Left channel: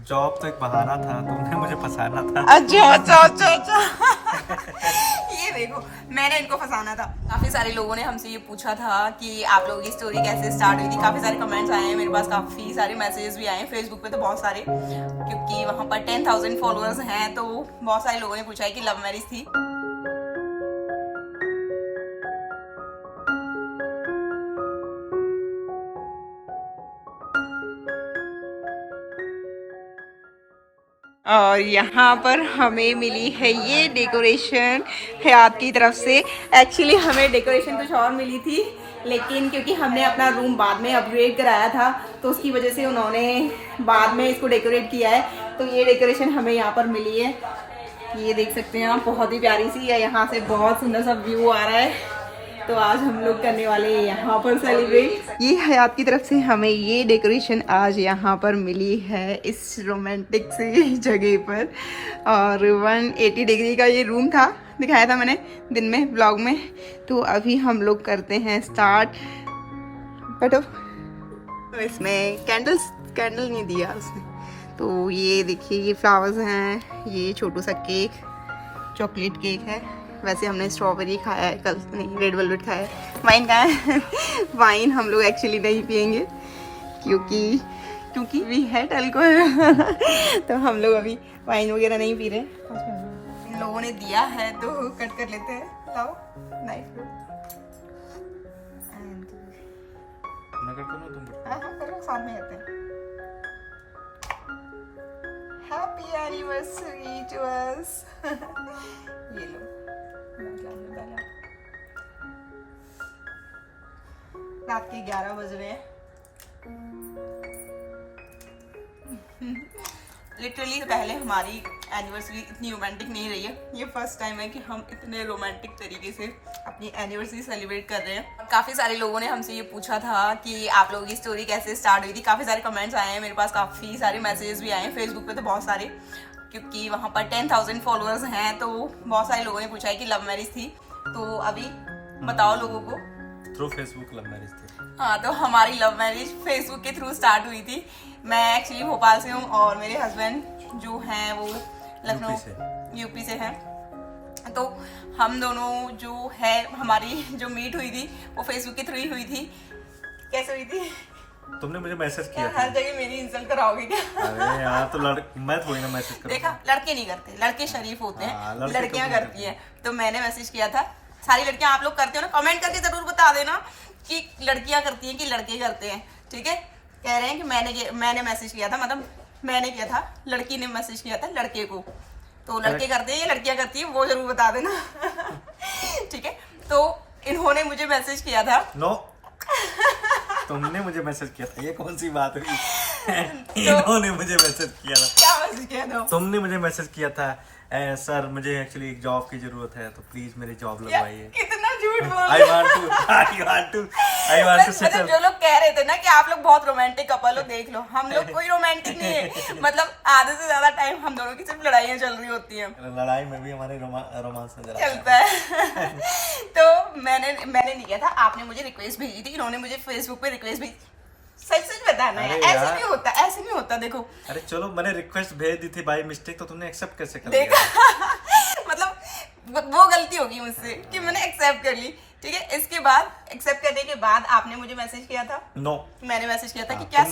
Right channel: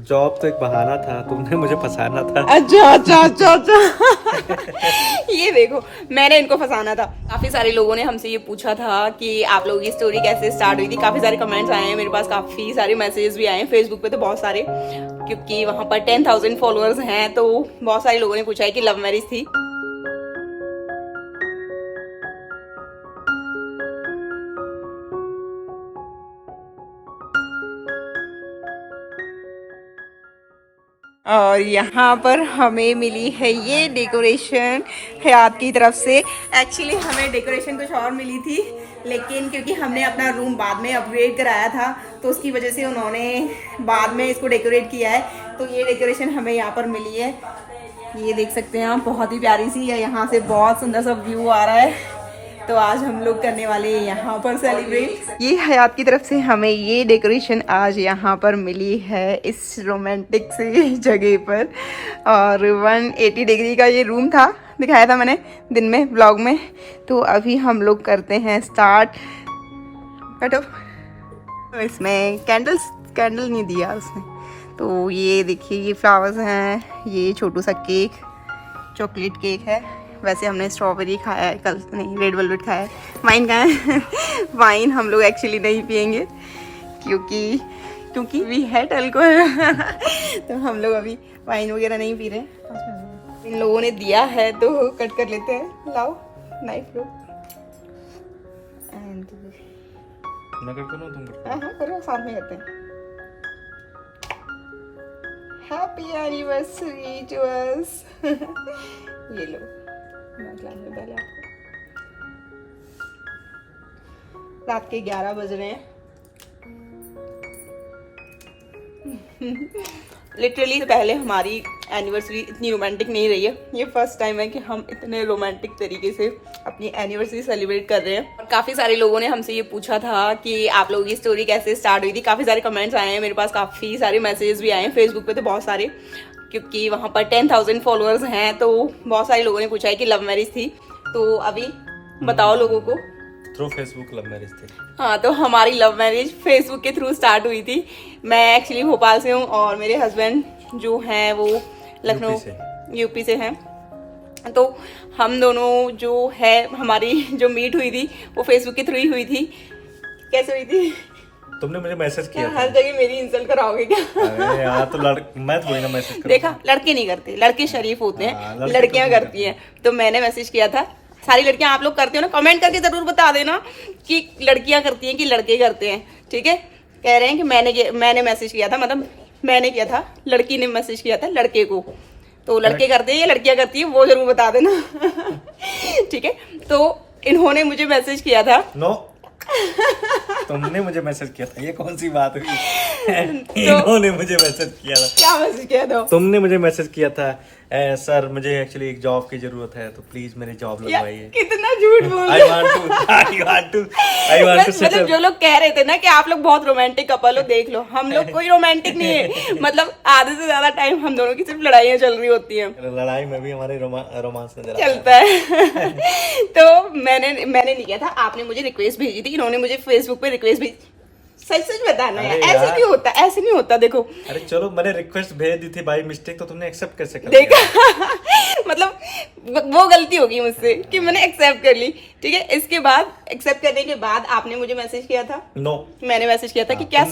Job तो एक बहाना था, तुमने मुझे फंसाना था। अच्छा। ये देखो, मैंने इनको फंसाना था। काफी सारे लोगों ने हमसे ये पूछा था कि आप लोगों की स्टोरी कैसे स्टार्ट हुई थी। काफी सारे कमेंट्स आए हैं मेरे पास, काफी सारे मैसेजेस भी आए हैं फेसबुक पे तो बहुत सारे, क्योंकि वहां पर 10,000 फॉलोअर्स हैं। तो बहुत सारे लोगों ने पूछा है कि लव मैरिज थी। और यहाँ पर हमें मिली है ये डेकोरेशन हयात की तरफ से। एक्चुअली हमें डेकोरेशन कुछ और मिली थी, लेकिन क्योंकि हमने अपना रूम बाद में अपग्रेड कराया था तो उसकी वजह से उन्होंने बाद में इसको डेकोरेट किया है। तो ये डेकोरेशन हमें यहाँ पर मिली है, ये देख सकते हैं आप, बहुत ही प्यारी सी है। यहाँ से बहुत सुंदर सा व्यू आ रहा है। तो आज हम लोग करने वाले हैं यहाँ पर सेलिब्रेट। ये हयात की तरफ से हमें ये डेकोरेशन आज यहाँ पर मिली है इस रोमांटिक सी जगह पर। और 180 डिग्री का ये रूम था, दिखाया था मैंने दिन में व्लॉग में। तो अभी हम लोग करते हैं स्टार्ट। बैठो। इसमें कैंडल नहीं दिया उसने। तो ये देखिए, ये फ्लावर्स हैं, ये छोटू सा केक, चॉकलेट केक है। वैसे हमने स्ट्रॉबेरी खाया है कल, नहीं रेड वेलवेट खाया है। वाइन खाया है वाइन हम लोग एक्चुअली नहीं पियेंगे क्योंकि वी हैड अल्कोहल तो हम लोग अभी वाइन वगैरह नहीं पी रहे। इन लोगों ने दिया है तो कट कर लेते हैं। लाओ नाइफ लो। मैं करता हूँ, तुम करते हो। हाँ करो, साथ में करते हैं। Happy anniversary to us. ये लो, रात के 11 बज रहे हैं। लिटरली पहले हमारी एनिवर्सरी इतनी रोमांटिक नहीं रही है। ये फर्स्ट टाइम है कि हम इतने रोमांटिक तरीके से अपनी एनिवर्सरी सेलिब्रेट कर रहे हैं। काफ़ी सारे लोगों ने हमसे ये पूछा था कि आप लोगों की स्टोरी कैसे स्टार्ट हुई थी। काफ़ी सारे कमेंट्स आए हैं मेरे पास, काफ़ी सारे मैसेजेस भी आए हैं फेसबुक पे तो बहुत सारे, क्योंकि वहाँ पर 10,000 फॉलोअर्स हैं। तो बहुत सारे लोगों ने पूछा है कि लव मैरिज थी। तो अभी बताओ लोगों को। थ्रू फेसबुक लव मैरिज थी। हाँ, तो हमारी लव मैरिज फेसबुक के थ्रू स्टार्ट हुई थी। मैं एक्चुअली भोपाल से हूँ और मेरे हस्बैंड जो हैं वो लखनऊ यूपी से हैं। तो हम दोनों जो है, हमारी जो मीट हुई थी वो फेसबुक के थ्रू ही हुई थी। कैसे हुई थी? तुमने मुझे मैसेज किया था। हर जगह मेरी इंसल्ट कराओगे क्या? अरे यार, तो मैं थोड़ी ना मैसेज कर। देखा, लड़के नहीं करते, लड़के शरीफ होते हैं, लड़के लड़कियां तो करती हैं। तो मैंने मैसेज किया था। सारी लड़कियां आप लोग करते हो ना, कमेंट करके जरूर बता देना कि लड़कियां करती हैं कि लड़के करते हैं। ठीक है, कह रहे हैं कि मैंने मैसेज किया था, मतलब मैंने किया था, लड़की ने मैसेज किया था लड़के को। तो लड़के करते हैं या लड़कियां करती हैं वो जरूर बता देना। ठीक है, तो इन्होंने मुझे मैसेज किया था। नो, तुमने मुझे मैसेज किया था, ये कौन सी बात हुई? इन्होंने मुझे मैसेज किया था। क्या मैसेज किया था? तुमने मुझे मैसेज किया था, सर मुझे एक्चुअली एक जॉब की जरूरत है, तो प्लीज मेरी जॉब लगवाइए। कितना झूठ बोल I want to मतलब जो लोग कह रहे थे ना कि आप लोग बहुत रोमांटिक कपल हो, देख लो हम लोग कोई रोमांटिक नहीं है। मतलब आधे से ज्यादा टाइम हम दोनों की सिर्फ लड़ाइयाँ चल रही होती हैं। लड़ाई में भी हमारे रोमांस चलता है। तो मैंने नहीं किया था, आपने मुझे रिक्वेस्ट भेजी थी। इन्होंने मुझे फेसबुक पे रिक्वेस्ट भेजी। सच सच बताना है, ऐसे नहीं होता, ऐसे नहीं होता। देखो, अरे चलो, मैंने रिक्वेस्ट भेज दी थी बाय मिस्टेक, तो तुमने एक्सेप्ट कैसे कर देखा? मतलब वो गलती होगी मुझसे कि मैंने एक्सेप्ट कर ली। ठीक है, इसके बाद एक्सेप्ट करने के बाद आपने मुझे मैसेज किया था। नो, मैंने मैसेज किया था कि क्या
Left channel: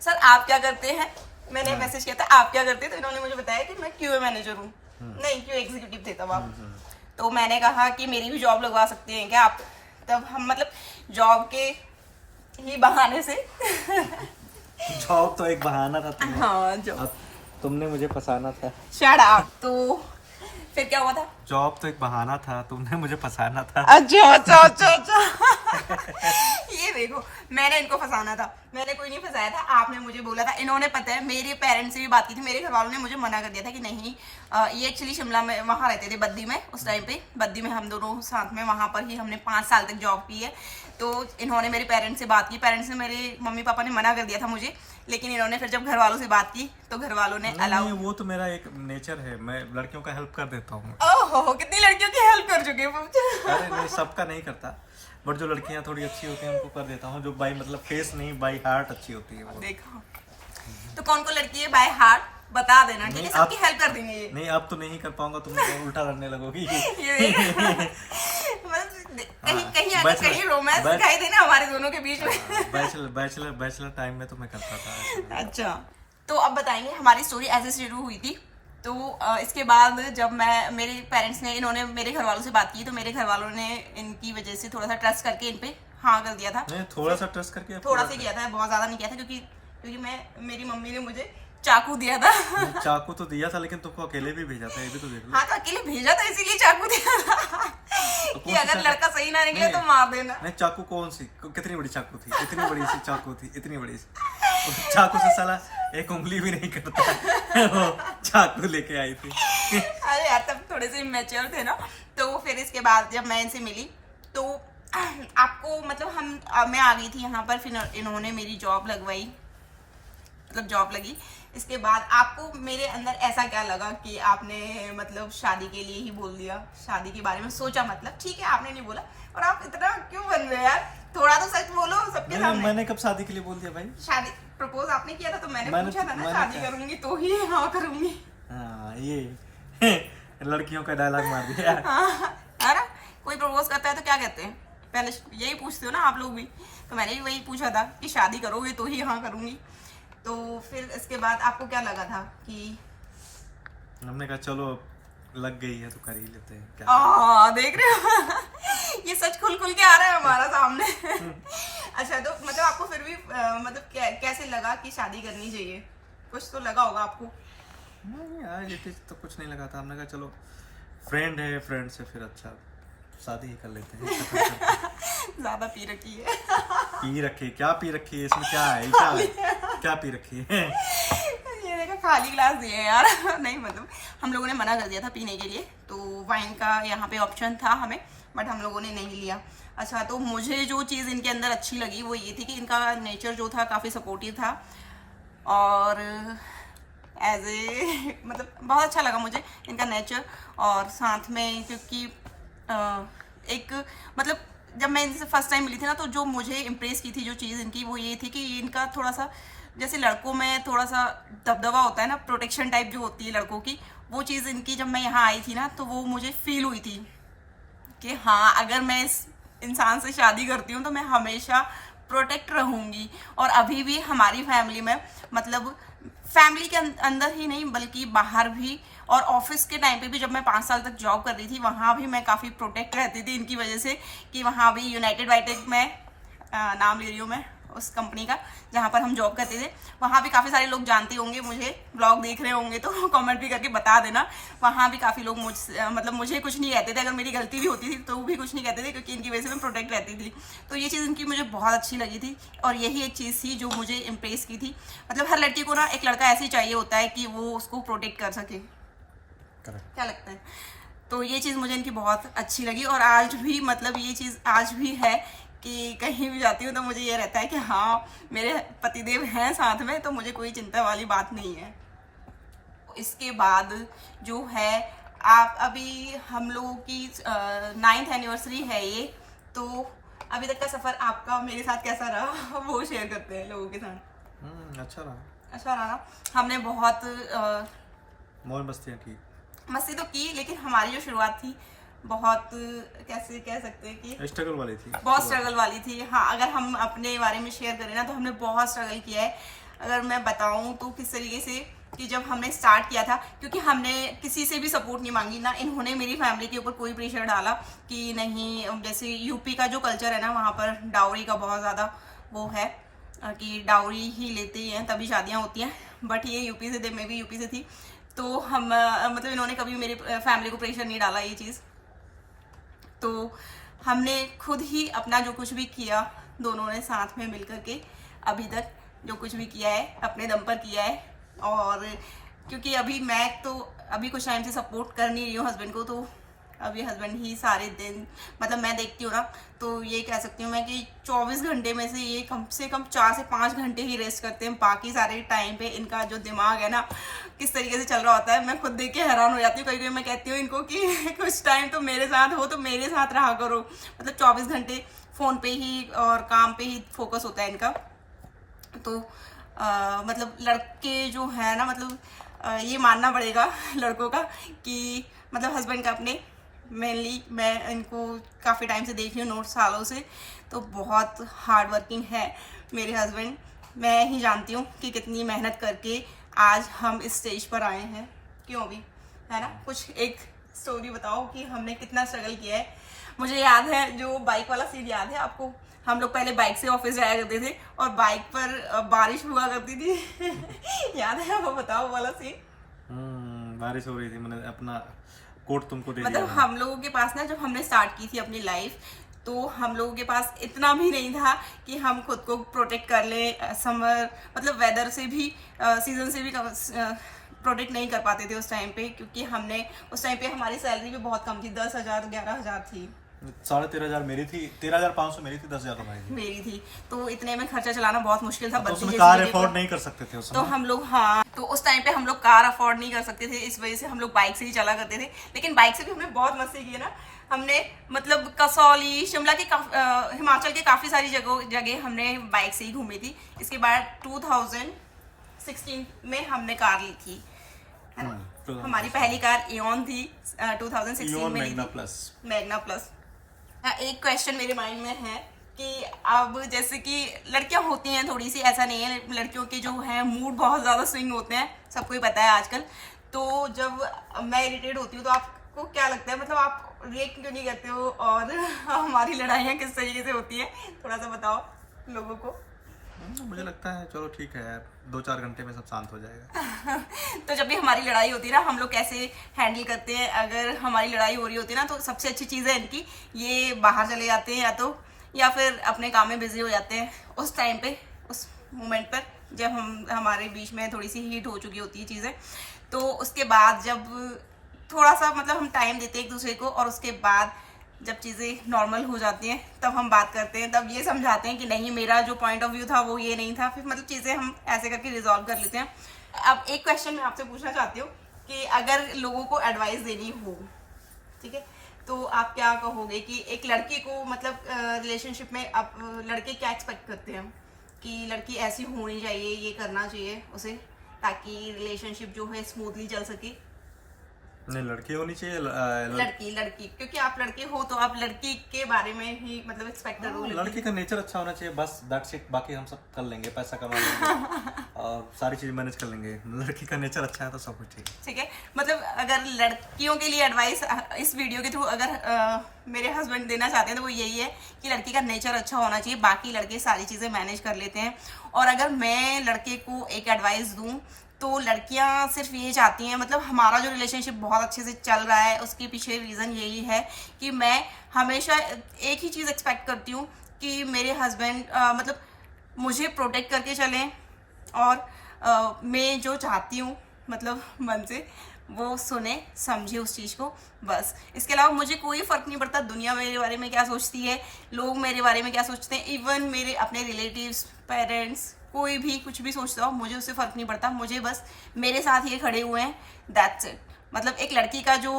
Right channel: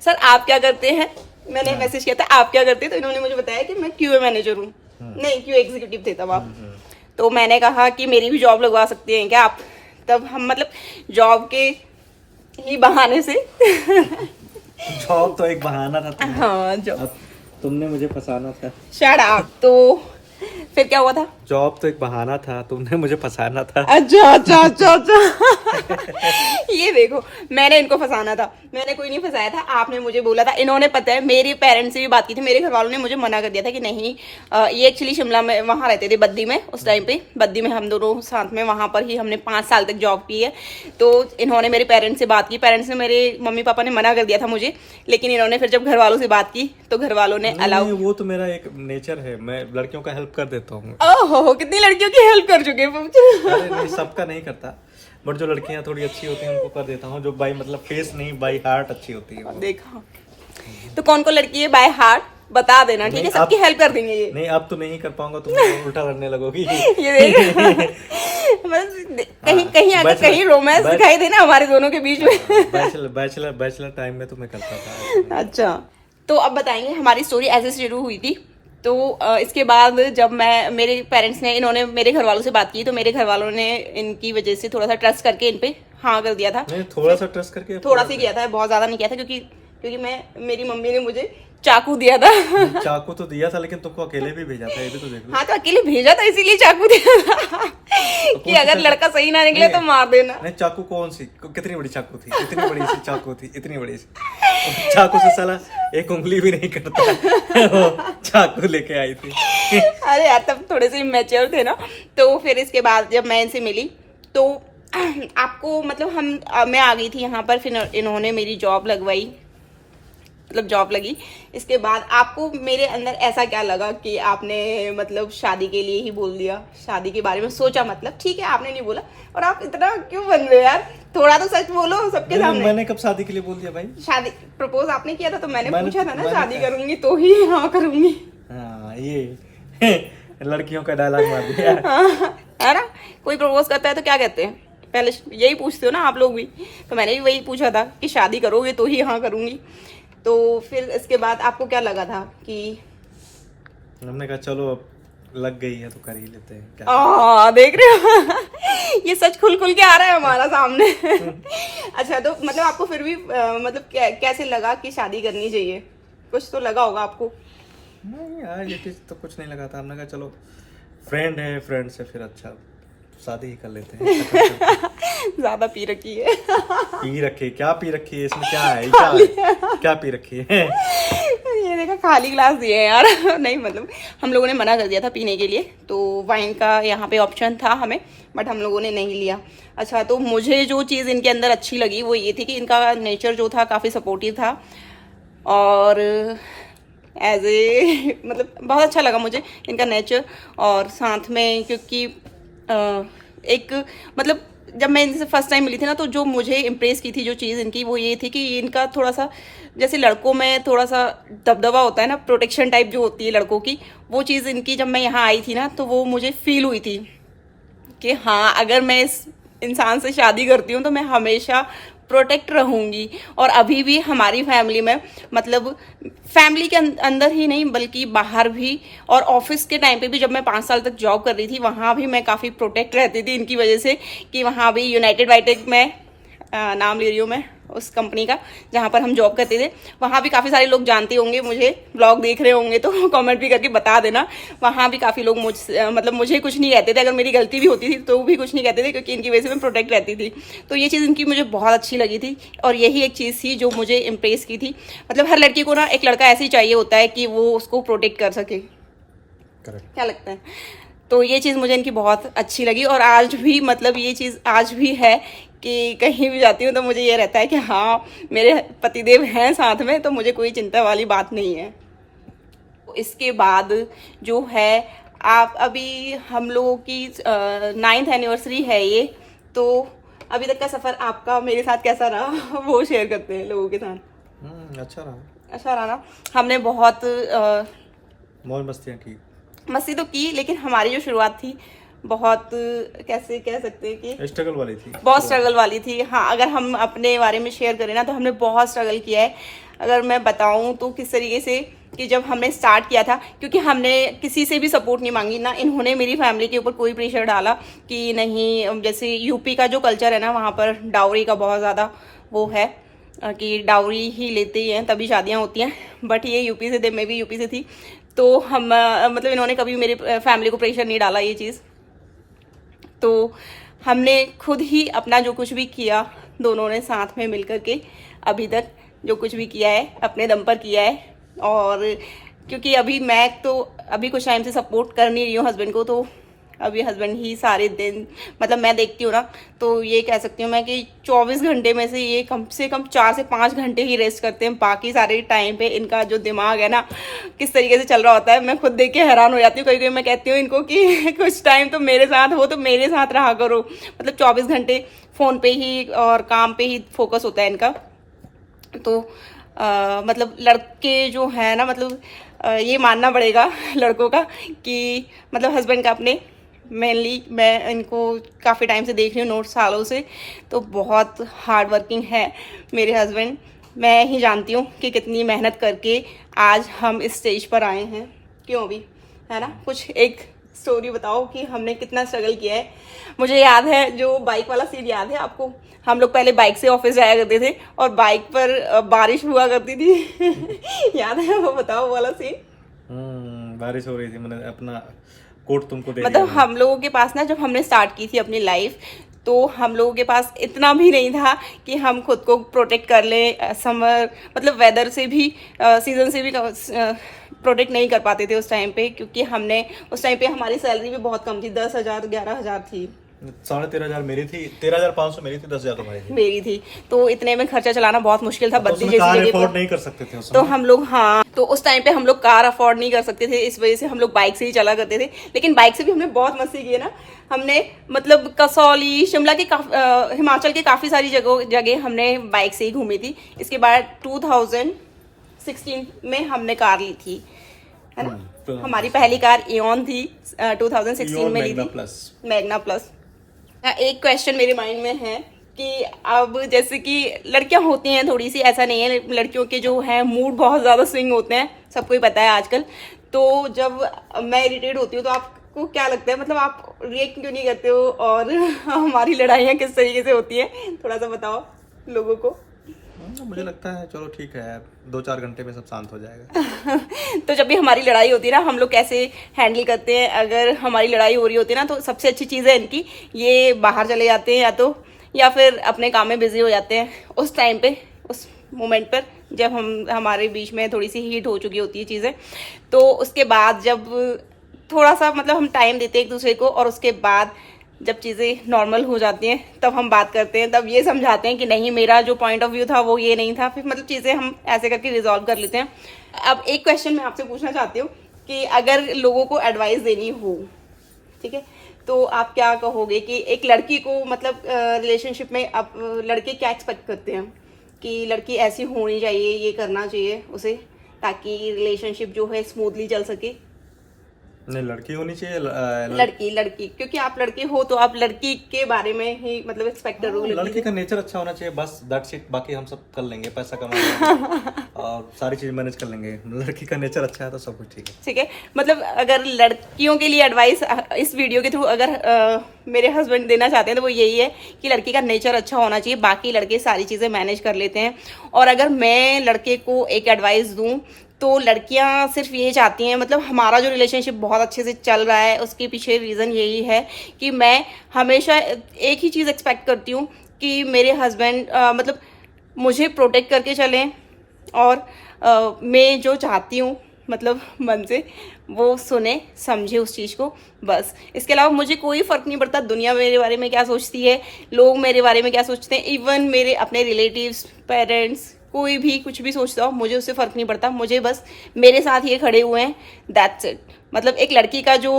सर आप क्या करते हैं। मैंने मैसेज किया था आप क्या करते हैं, तो इन्होंने मुझे बताया कि मैं क्यूए मैनेजर हूँ। नहीं, क्यूए एग्जीक्यूटिव थे तब आप। तो मैंने कहा कि मेरी भी जॉब लगवा सकते हैं क्या आप। तब हम मतलब जॉब के ही बहाने से जॉब तो एक बहाना था। हाँ, जॉब। तुमने मुझे फंसाना था। Shut up. तो फिर क्या हुआ था? जॉब तो एक बहाना था, तुमने मुझे फंसाना था। अच्छा। ये देखो, मैंने इनको फंसाना था, मैंने कोई नहीं फंसाया था। आपने मुझे बोला था, इन्होंने पता है मेरे पेरेंट्स से भी बात की थी। मेरे घर वालों ने मुझे मना कर दिया था कि नहीं। ये एक्चुअली शिमला में वहाँ रहते थे, बद्दी में। उस टाइम पे बद्दी में हम दोनों साथ में, वहाँ पर ही हमने 5 साल तक जॉब की है। तो इन्होंने मेरे पेरेंट्स से बात की। पेरेंट्स ने, मेरे मम्मी पापा ने मना कर दिया था मुझे, लेकिन इन्होंने फिर जब घर वालों से बात की तो घर वालों ने अलाउ। वो तो मेरा एक नेचर है, मैं लड़कियों का हेल्प कर देता हूँ। ओहो, कितनी लड़कियों की हेल्प कर चुके हैं। अरे नहीं, सबका नहीं करता, बट जो लड़कियां थोड़ी अच्छी होती हैं उनको कर देता हूँ। जो बाई मतलब फेस नहीं, बाई हार्ट अच्छी होती है। देखा, तो कौन कौन लड़की है बाय हार्ट बता देना, ठीक है? नहीं, सबकी हेल्प कर देंगे ये। नहीं अब तो नहीं कर पाऊंगा, तुम उल्टा लड़ने लगोगी। ये देख मतलब कहीं कहीं अगर कहीं रोमांस दिखाई देना हमारे दोनों के बीच में। बैचलर टाइम में तो मैं करता था। अच्छा, तो अब बताएंगे हमारी स्टोरी ऐसे शुरू हुई थी। तो इसके बाद जब मेरे पेरेंट्स ने, इन्होंने मेरे घर वालों से बात की, तो मेरे घर वालों ने इनकी वजह से थोड़ा सा ट्रस्ट करके इन पे हाँ कर दिया था। नहीं, थोड़ा सा ट्रस्ट करके, थोड़ा सा किया था, बहुत ज्यादा नहीं किया था, क्योंकि मेरी मम्मी ने मुझे चाकू दिया था। चाकू तो दिया था, लेकिन तुमको अकेले भी भेजा था, ये भी तो देख लो। हाँ, तो अकेले भेजा था, इसीलिए चाकू दिया था कि अगर लड़का सही ना निकले तो मार देना। नहीं, चाकू कौन सी, कितनी बड़ी चाकू थी? इतनी बड़ी सी चाकू थी, इतनी बड़ी सी चाकू से साला एक उंगली भी नहीं करता। वो चाकू लेके आई थी। अरे यार, तब थोड़े से मैच्योर थे ना। तो फिर इसके बाद जब मैं इनसे मिली तो आपको मतलब मैं आ गई थी यहाँ पर, फिर इन्होंने मेरी जॉब लगवाई, मतलब जॉब लगी। इसके बाद आपको मेरे अंदर ऐसा क्या लगा कि आपने मतलब शादी के लिए ही बोल दिया, शादी के बारे में सोचा? मतलब ठीक है, आपने नहीं बोला, और आप इतना क्यों बन रहे हो यार? थोड़ा तो सच बोलो सबके सामने। मैंने कब शादी के लिए बोल दिया भाई? शादी प्रपोज आपने किया था, तो मैंने पूछा था ना शादी करूंगी तो ही हाँ करूंगी। हाँ, ये लड़कियों का डायलॉग मार दिया। हाँ, है ना? कोई प्रपोज करता है तो क्या कहते हैं? पहले यही पूछते हो ना आप लोग भी। तो मैंने भी वही पूछा था कि शादी करोगे तो ही हाँ करूंगी। तो फिर इसके बाद आपको क्या लगा था कि हमने कहा चलो अब लग गई है तो कर ही लेते हैं क्या? देख रहे हो ये सच खुल खुल के आ रहा है हमारा सामने। अच्छा, तो मतलब आपको फिर भी मतलब कैसे लगा कि शादी करनी चाहिए? कुछ तो लगा होगा आपको। नहीं यार, ये चीज तो कुछ नहीं लगा था। हमने कहा चलो फ्रेंड है, फ्रेंड से फिर अच्छा शादी ही कर लेते हैं। ज्यादा पी रखी है। पी रखी? क्या पी रखी है? इसमें क्या है? क्या पी रखी है? ये देखा, खाली ग्लास दिए हैं यार। नहीं मतलब हम लोगों ने मना कर दिया था पीने के लिए, तो वाइन का यहाँ पे ऑप्शन था हमें, बट हम लोगों ने नहीं लिया। अच्छा, तो मुझे जो चीज़ इनके अंदर अच्छी लगी वो ये थी कि इनका नेचर जो था काफ़ी सपोर्टिव था, और एज ए मतलब बहुत अच्छा लगा मुझे इनका नेचर। और साथ में क्योंकि एक मतलब जब मैं इनसे फर्स्ट टाइम मिली थी ना, तो जो मुझे इम्प्रेस की थी जो चीज़ इनकी, वो ये थी कि इनका थोड़ा सा जैसे लड़कों में थोड़ा सा दबदबा होता है ना, प्रोटेक्शन टाइप जो होती है लड़कों की, वो चीज़ इनकी जब मैं यहाँ आई थी ना, तो वो मुझे फील हुई थी कि हाँ, अगर मैं इस इंसान से शादी करती हूँ तो मैं हमेशा प्रोटेक्ट रहूँगी। और अभी भी हमारी फैमिली में मतलब फैमिली के अंदर ही नहीं बल्कि बाहर भी, और ऑफिस के टाइम पे भी जब मैं 5 साल तक जॉब कर रही थी, वहाँ भी मैं काफ़ी प्रोटेक्ट रहती थी इनकी वजह से। कि वहाँ भी यूनाइटेड बायोटेक में नाम ले रही हूँ मैं उस कंपनी का जहाँ पर हम जॉब करते थे, वहाँ भी काफ़ी सारे लोग जानते होंगे मुझे, ब्लॉग देख रहे होंगे तो कमेंट भी करके बता देना। वहाँ भी काफ़ी लोग मुझे कुछ नहीं कहते थे, अगर मेरी गलती भी होती थी तो भी कुछ नहीं कहते थे, क्योंकि इनकी वजह से मैं प्रोटेक्ट रहती थी। तो ये चीज़ इनकी मुझे बहुत अच्छी लगी थी, और यही एक चीज़ थी जो मुझे इम्प्रेस की थी। मतलब हर लड़की को ना एक लड़का ऐसे ही चाहिए होता है कि वो उसको प्रोटेक्ट कर सके। क्या लगता है? तो ये चीज़ मुझे इनकी बहुत अच्छी लगी, और आज भी मतलब ये चीज़ आज भी है कि कहीं भी जाती हूँ तो मुझे ये रहता है कि हाँ, मेरे पतिदेव हैं साथ में, तो मुझे कोई चिंता वाली बात नहीं है। इसके बाद जो है आप अभी हम लोगों की 9th एनिवर्सरी है ये, तो अभी तक का सफ़र आपका मेरे साथ कैसा रहा वो शेयर करते हैं लोगों के साथ। अच्छा रहा ना। हमने बहुत मौज मस्तियाँ की, मस्ती तो की, लेकिन हमारी जो शुरुआत थी बहुत कैसे कह सकते हैं कि स्ट्रगल वाली थी, बहुत स्ट्रगल वाली थी। हाँ, अगर हम अपने बारे में शेयर करें ना, तो हमने बहुत स्ट्रगल किया है। अगर मैं बताऊं तो किस तरीके से कि जब हमने स्टार्ट किया था, क्योंकि हमने किसी से भी सपोर्ट नहीं मांगी ना, इन्होंने मेरी फैमिली के ऊपर कोई प्रेशर डाला कि नहीं। जैसे यूपी का जो कल्चर है ना, वहाँ पर डाउरी का बहुत ज़्यादा वो है कि डाउरी ही लेते ही हैं तभी शादियाँ होती हैं। बट ये यूपी से थे, मैं भी यूपी से थी, तो हम मतलब इन्होंने कभी मेरी फैमिली को प्रेशर नहीं डाला ये चीज़। तो हमने खुद ही अपना जो कुछ भी किया, दोनों ने साथ में मिलकर के अभी तक जो कुछ भी किया है अपने दम पर किया है। और क्योंकि अभी मैं तो अभी कुछ टाइम से सपोर्ट कर नहीं रही हूँ हस्बैंड को, तो अभी हस्बैंड ही सारे दिन मतलब मैं देखती हूँ ना, तो ये कह सकती हूँ मैं कि 24 घंटे में से ये कम से कम 4 से 5 घंटे ही रेस्ट करते हैं। बाकी सारे टाइम पे इनका जो दिमाग है ना किस तरीके से चल रहा होता है, मैं खुद देख के हैरान हो जाती हूँ। कभी कभी मैं कहती हूँ इनको कि कुछ टाइम तो मेरे साथ हो, तो मेरे साथ रहा करो। मतलब 24 घंटे फ़ोन पे ही और काम पे ही फोकस होता है इनका। तो मतलब लड़के जो है ना, मतलब ये मानना पड़ेगा लड़कों का कि मतलब हस्बैंड का अपने, मेनली मैं इनको काफ़ी टाइम से देख रही हूँ, 9 सालों से, तो बहुत हार्ड वर्किंग है मेरे हस्बैंड। मैं ही जानती हूँ कि कितनी मेहनत करके आज हम इस स्टेज पर आए हैं, क्यों भी, है ना। कुछ एक स्टोरी बताओ कि हमने कितना स्ट्रगल किया है। मुझे याद है जो बाइक वाला सीन, याद है आपको? हम लोग पहले बाइक से ऑफिस जाया करते थे और बाइक पर बारिश हुआ करती थी याद है वो? बताओ वो वाला सीन। बारिश हो रही थी, मैंने अपना कोट तुमको दे मतलब दिया। हम लोगों के पास ना, जब हमने स्टार्ट की थी अपनी लाइफ, तो हम लोगों के पास इतना भी नहीं था कि हम खुद को प्रोटेक्ट कर लें। समर मतलब वेदर से भी, सीजन से भी प्रोटेक्ट नहीं कर पाते थे उस टाइम पे, क्योंकि हमने उस टाइम पे हमारी सैलरी भी बहुत कम थी, 10,000 11,000 थी। 13,500 मेरी थी, 13,500 मेरी थी, 10,000 तुम्हारी थी। मेरी थी, तो इतने में खर्चा चलाना बहुत मुश्किल था। तो बत्तीस उसमें कार अफोर्ड नहीं कर सकते थे उस तो समय। हम लोग, हाँ, तो उस टाइम पे हम लोग कार अफोर्ड नहीं कर सकते थे, इस वजह से हम लोग बाइक से ही चला करते थे। लेकिन बाइक से भी हमने बहुत मस्ती की है ना। हमने मतलब कसौली, शिमला के हिमाचल के काफ़ी सारी जगह हमने बाइक से ही घूमी थी। इसके बाद 2016 में हमने कार ली थी, है ना। तो हमारी पहली कार एऑन थी, 2016 में ली थी, मैग्ना प्लस। एक क्वेश्चन मेरे माइंड में है कि अब जैसे कि लड़कियां होती हैं थोड़ी सी, ऐसा नहीं है, लड़कियों के जो है मूड बहुत ज़्यादा स्विंग होते हैं, सबको ही पता है आजकल। तो जब मैं इरिटेट होती हूँ तो आपको क्या लगता है, मतलब आप रिएक्ट क्यों नहीं करते हो, और हमारी लड़ाइयाँ किस तरीके से होती हैं, थोड़ा सा बताओ लोगों को। मुझे लगता है चलो ठीक है, 2-4 घंटे में सब शांत हो जाएगा। तो जब भी हमारी लड़ाई होती है ना, हम लोग कैसे हैंडल करते हैं। अगर हमारी लड़ाई हो रही होती है ना, तो सबसे अच्छी चीज़ है इनकी, ये बाहर चले जाते हैं या फिर अपने काम में बिजी हो जाते हैं। उस टाइम पे, उस मोमेंट पर जब हमारे बीच में थोड़ी सी हीट हो चुकी होती है चीज़ें, तो उसके बाद जब थोड़ा सा मतलब हम टाइम देते हैं एक दूसरे को, और उसके बाद जब चीज़ें नॉर्मल हो जाती हैं तब हम बात करते हैं, तब ये समझाते हैं कि नहीं, मेरा जो पॉइंट ऑफ व्यू था वो ये नहीं था, फिर मतलब चीज़ें हम ऐसे करके रिजॉल्व कर लेते हैं। अब एक क्वेश्चन मैं आपसे पूछना चाहती हूँ कि अगर लोगों को एडवाइस देनी हो, ठीक है, तो आप क्या कहोगे कि एक लड़की को, मतलब रिलेशनशिप में अब लड़के क्या एक्सपेक्ट करते हैं कि लड़की ऐसी होनी चाहिए, ये करना चाहिए उसे, ताकि रिलेशनशिप जो है स्मूथली चल सके? नहीं, लड़की होनी चाहिए। लड़की, क्योंकि आप लड़के हो तो आप लड़की के बारे में ही मतलब एक्सपेक्ट करोगे। लड़की का नेचर अच्छा होना चाहिए, बस दैट्स इट। बाकी हम सब कर लेंगे, पैसा कमा लेंगे और सारी चीज मैनेज कर लेंगे। लड़की का नेचर अच्छा है तो सब कुछ ठीक है। ठीक है, मतलब अगर लड़कियों के लिए एडवाइस इस वीडियो के थ्रू अगर मेरे हस्बैंड देना चाहते हैं तो वो यही है कि लड़की का नेचर अच्छा होना चाहिए, बाकी लड़के सारी चीज़ें मैनेज कर लेते हैं। और अगर मैं लड़के को एक एडवाइस दूँ तो लड़कियां सिर्फ ये चाहती हैं, मतलब हमारा जो रिलेशनशिप बहुत अच्छे से चल रहा है उसके पीछे रीज़न यही है कि मैं हमेशा एक ही चीज़ एक्सपेक्ट करती हूँ कि मेरे हस्बैंड मतलब मुझे प्रोटेक्ट करके चलें, और मैं जो चाहती हूँ मतलब मन से वो सुने समझे उस चीज़ को, बस। इसके अलावा मुझे कोई फ़र्क नहीं पड़ता दुनिया मेरे बारे में क्या सोचती है, लोग मेरे बारे में क्या सोचते हैं, इवन मेरे अपने रिलेटिव्स, पेरेंट्स, कोई भी कुछ भी सोचता हो, मुझे उससे फ़र्क नहीं पड़ता। मुझे बस मेरे साथ ये खड़े हुए हैं, दैट्स इट। मतलब एक लड़की का जो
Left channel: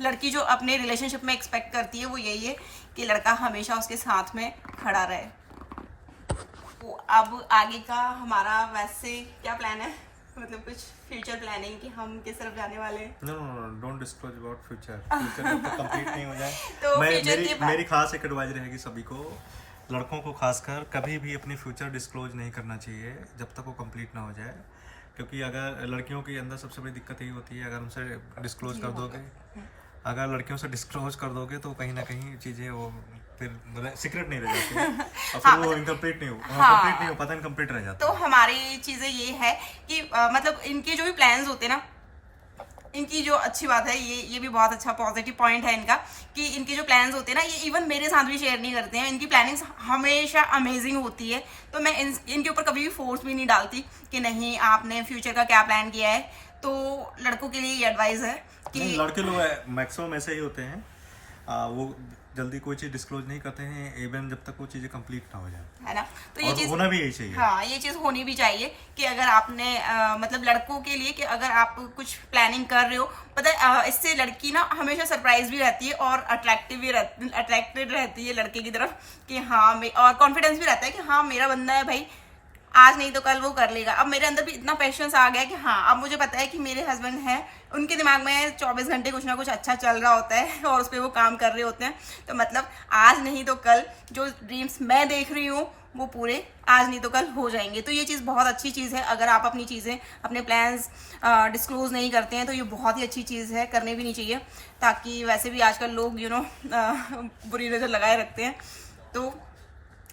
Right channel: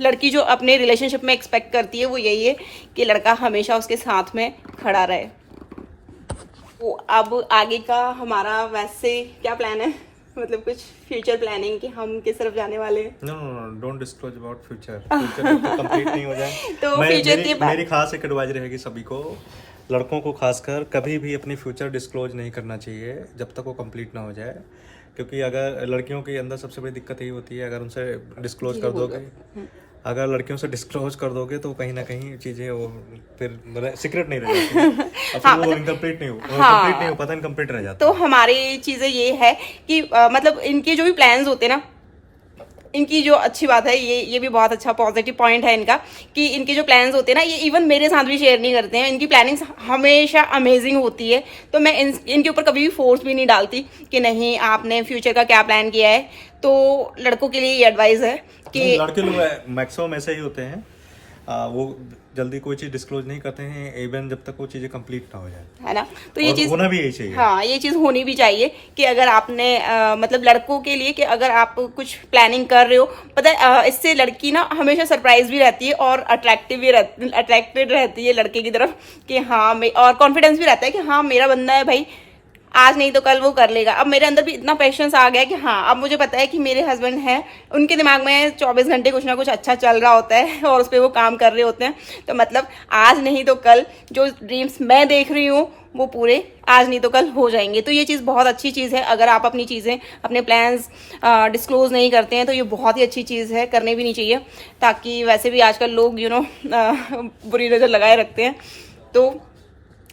लड़की जो अपने रिलेशनशिप में एक्सपेक्ट करती है वो यही है कि लड़का हमेशा उसके साथ में खड़ा रहे। तो अब आगे का हमारा वैसे क्या प्लान है, मतलब कुछ फ्यूचर प्लानिंग कि हम किस तरफ जाने वाले हैं? No, don't disclose about future complete नहीं हो जाए तो फ्यूचर के मेरी खास एक एडवाइस रहेगी सभी को, लड़कों को खासकर, कभी भी अपनी फ्यूचर डिस्क्लोज नहीं करना चाहिए जब तक वो कंप्लीट ना हो जाए। क्योंकि अगर लड़कियों के अंदर सबसे बड़ी दिक्कत यही होती है, अगर उनसे डिस्क्लोज कर दोगे, अगर लड़कियों से डिस्क्लोज कर दोगे तो कहीं ना कहीं चीजें वो फिर सीक्रेट नहीं रह जाती और फिर वो इनकम्प्लीट नहीं हो पाता, इनकम्प्लीट रह जाता। तो हमारी चीज़ें ये है कि मतलब इनके जो भी प्लान्स होते हैं ना, इनकी जो अच्छी बात है, ये भी बहुत अच्छा पॉजिटिव पॉइंट है इनका, कि इनके जो प्लान्स होते हैं ना, ये इवन मेरे साथ भी शेयर नहीं करते हैं। इनकी प्लानिंग्स हमेशा अमेजिंग होती है, तो मैं इनके ऊपर कभी भी फोर्स भी नहीं डालती कि नहीं आपने फ्यूचर का क्या प्लान किया है। तो लड़कों के लिए ये एडवाइस है कि लड़के लोग मैक्सिमम ऐसे ही होते हैं, वो जल्दी कोई चीज डिस्क्लोज नहीं करते हैं इवन जब तक वो चीजें कंप्लीट ना हो जाए, है ना। तो ये चीज होना भी यही चाहिए। हाँ, ये चीज होनी भी चाहिए कि अगर आपने मतलब लड़कों के लिए कि अगर आप कुछ प्लानिंग कर रहे हो, पता है इससे लड़की ना हमेशा सरप्राइज भी रहती है और अट्रैक्टेड रहती है लड़के की तरफ कि हाँ, और कॉन्फिडेंस भी रहता है कि हाँ मेरा बंदा है भाई, आज नहीं तो कल वो कर लेगा। अब मेरे अंदर भी इतना पेशेंस आ गया कि हाँ, अब मुझे पता है कि मेरे हस्बैंड हैं, उनके दिमाग में 24 घंटे कुछ ना कुछ अच्छा चल रहा होता है और उस पर वो काम कर रहे होते हैं। तो मतलब आज नहीं तो कल जो ड्रीम्स मैं देख रही हूँ वो पूरे आज नहीं तो कल हो जाएंगे। तो ये चीज़ बहुत अच्छी चीज़ है। अगर आप अपनी चीज़ें, अपने प्लान्स डिस्क्लोज नहीं करते हैं तो ये बहुत ही अच्छी चीज़ है, करनी भी नहीं चाहिए। ताकि वैसे भी आजकल लोग बुरी नज़र लगाए रखते हैं। तो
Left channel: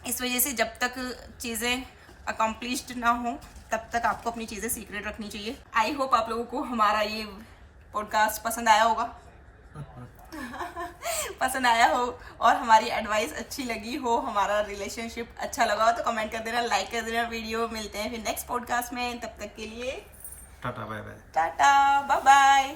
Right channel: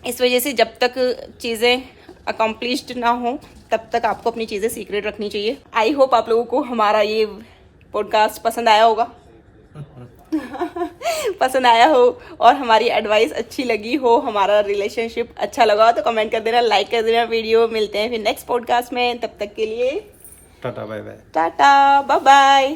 इस वजह से जब तक चीज़ें अकम्प्लिश्ड ना हो तब तक आपको अपनी चीज़ें सीक्रेट रखनी चाहिए। आई होप आप लोगों को हमारा ये पॉडकास्ट पसंद आया होगा। पसंद आया हो और हमारी एडवाइस अच्छी लगी हो, हमारा रिलेशनशिप अच्छा लगा हो तो कमेंट कर देना, लाइक कर देना वीडियो। मिलते हैं फिर नेक्स्ट पॉडकास्ट में, तब तक के लिए tata bye bye. Tata bye bye.